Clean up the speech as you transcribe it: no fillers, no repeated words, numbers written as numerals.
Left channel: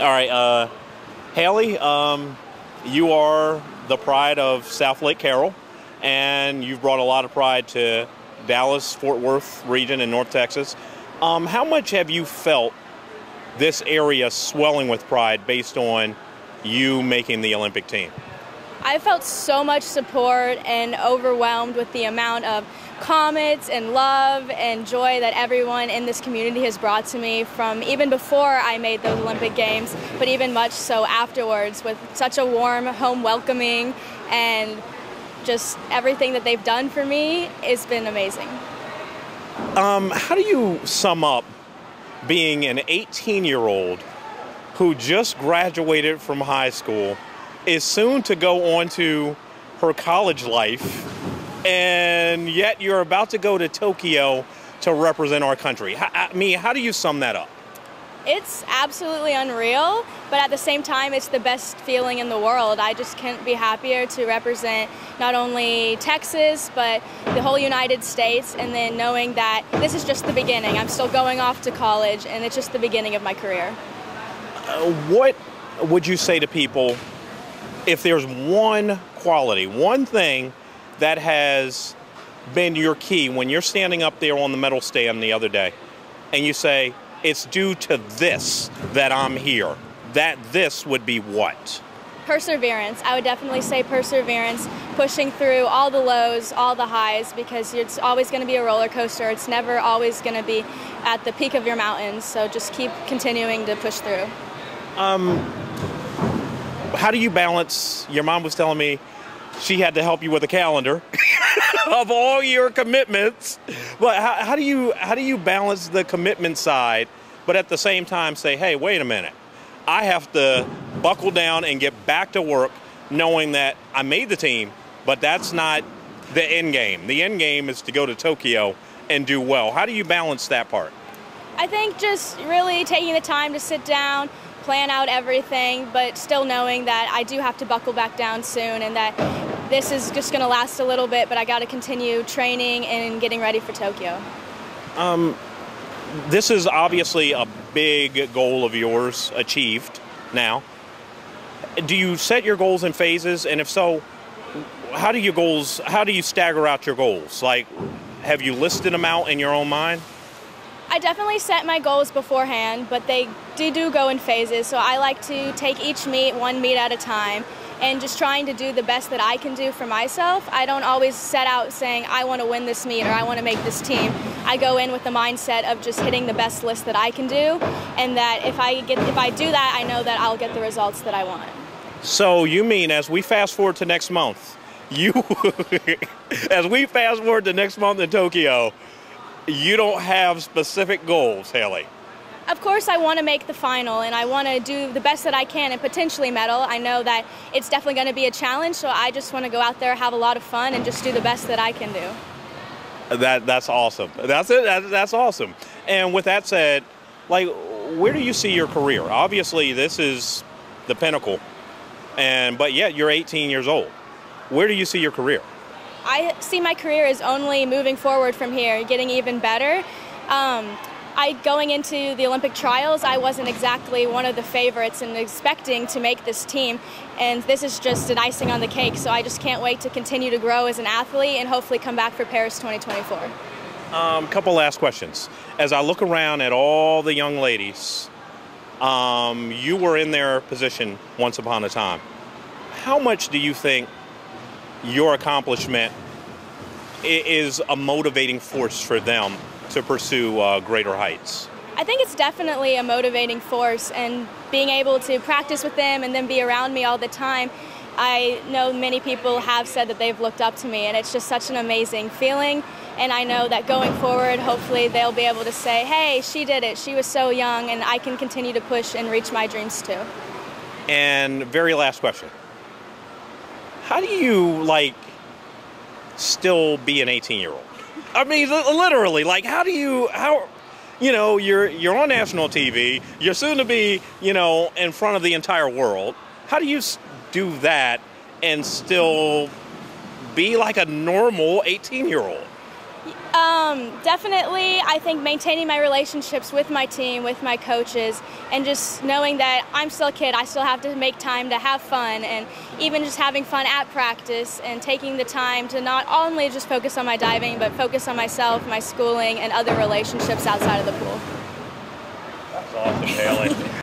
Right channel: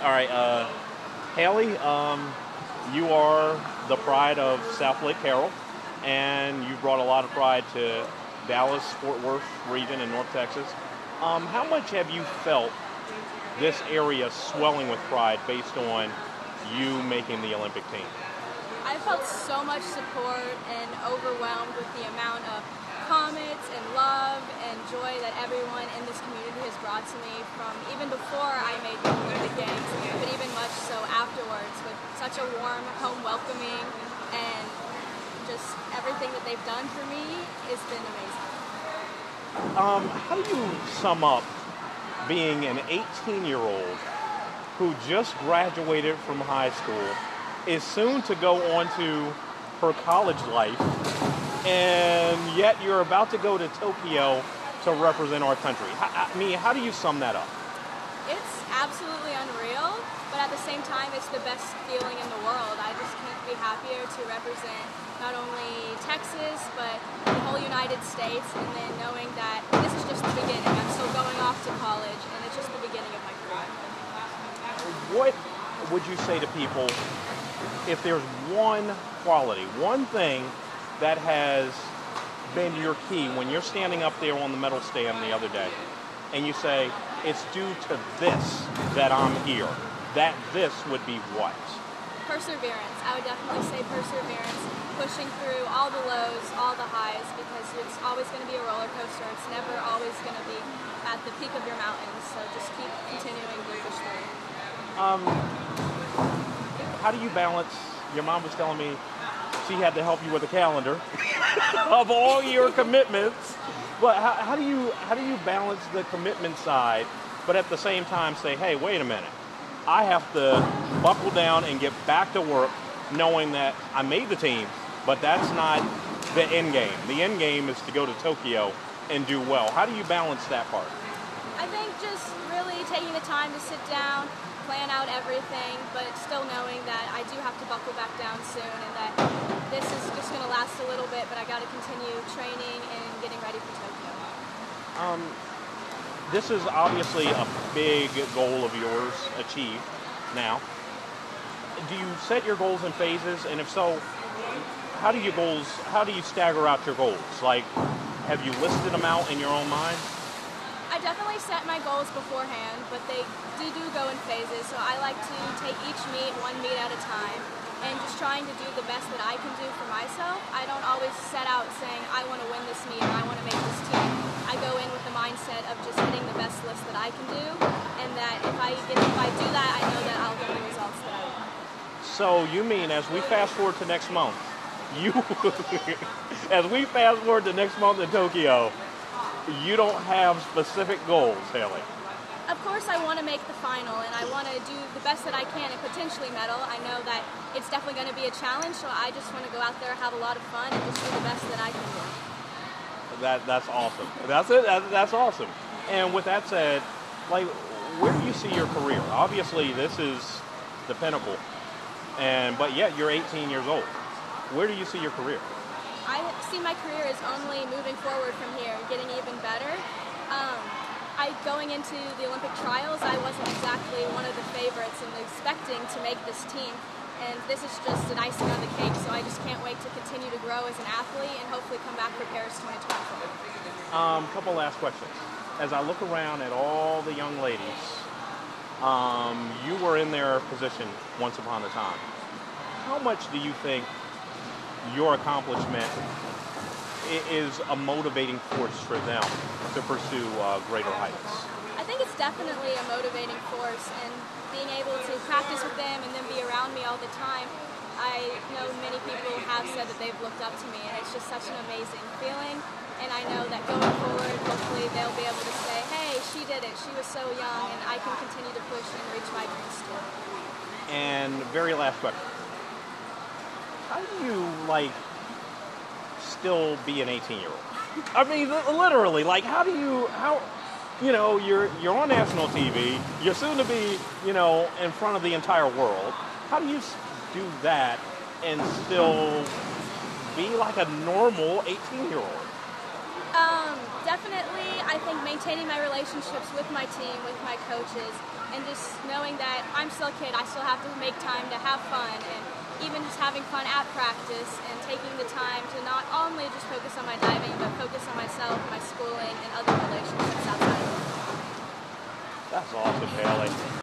All right, Hailey, you are the pride of Southlake Carroll, and you've brought a lot of pride to Dallas, Fort Worth region in North Texas. How much have you felt this area swelling with pride based on you making the Olympic team? I felt so much support and overwhelmed with the amount of comments and love and joy that everyone in this community has brought to me from even before I made the Olympic Games, but even much so afterwards, with such a warm home welcoming, and just everything that they've done for me has been amazing. How do you sum up being an 18-year-old who just graduated from high school, is soon to go on to her college life, and yet you're about to go to Tokyo to represent our country? How do you sum that up? It's absolutely unreal, but at the same time, it's the best feeling in the world. I just can't be happier to represent not only Texas, but the whole United States, and then knowing that this is just the beginning. I'm still going off to college, and it's just the beginning of my career. What would you say to people if there's one quality, one thing that has been your key when you're standing up there on the medal stand the other day, and you say, it's due to this that I'm here, that this would be what? Perseverance. I would definitely say perseverance, pushing through all the lows, all the highs, because it's always going to be a roller coaster. It's never always going to be at the peak of your mountains, so just keep continuing to push through. How do you balance, your mom was telling me she had to help you with a calendar of all your commitments, but how do you balance the commitment side, but at the same time say, hey, wait a minute, I have to buckle down and get back to work knowing that I made the team, but that's not the end game. The end game is to go to Tokyo and do well. How do you balance that part? I think just really taking the time to sit down, plan out everything, but still knowing that I do have to buckle back down soon, and that this is just going to last a little bit, but I got to continue training and getting ready for Tokyo. This is obviously a big goal of yours achieved now. Do you set your goals in phases? And if so, how do you stagger out your goals? Like, have you listed them out in your own mind? I definitely set my goals beforehand, but they do go in phases. So I like to take each meet, one meet at a time, and just trying to do the best that I can do for myself. I don't always set out saying, I want to win this meet or I want to make this team. I go in with the mindset of just hitting the best list that I can do, and that if I do that, I know that I'll get the results that I want. So you mean, as we fast forward to next month, as we fast forward to next month in Tokyo, you don't have specific goals, Hailey? Of course, I want to make the final, and I want to do the best that I can and potentially medal. I know that it's definitely going to be a challenge, so I just want to go out there, have a lot of fun, and just do the best that I can do. That's awesome. That's awesome. And with that said, like, where do you see your career? Obviously, this is the pinnacle, but yet you're 18 years old. Where do you see your career? I see my career as only moving forward from here, getting even better. Going into the Olympic trials, I wasn't exactly one of the favorites and expecting to make this team, and this is just an icing on the cake, so I just can't wait to continue to grow as an athlete and hopefully come back for Paris 2024. Couple last questions. As I look around at all the young ladies, you were in their position once upon a time. How much do you think your accomplishment is a motivating force for them to pursue greater heights? I think it's definitely a motivating force, and being able to practice with them and then be around me all the time. I know many people have said that they've looked up to me, and it's just such an amazing feeling. And I know that going forward, hopefully they'll be able to say, hey, she did it, she was so young, and I can continue to push and reach my dreams too. And very last question. How do you, still be an 18-year-old? I mean, literally, you're on national TV, you're soon to be, in front of the entire world. How do you do that and still be like a normal 18-year-old? Definitely, I think maintaining my relationships with my team, with my coaches, and just knowing that I'm still a kid, I still have to make time to have fun, and even just having fun at practice and taking the time to not only just focus on my diving, but focus on myself, my schooling, and other relationships outside of the pool. That's awesome, Hailey.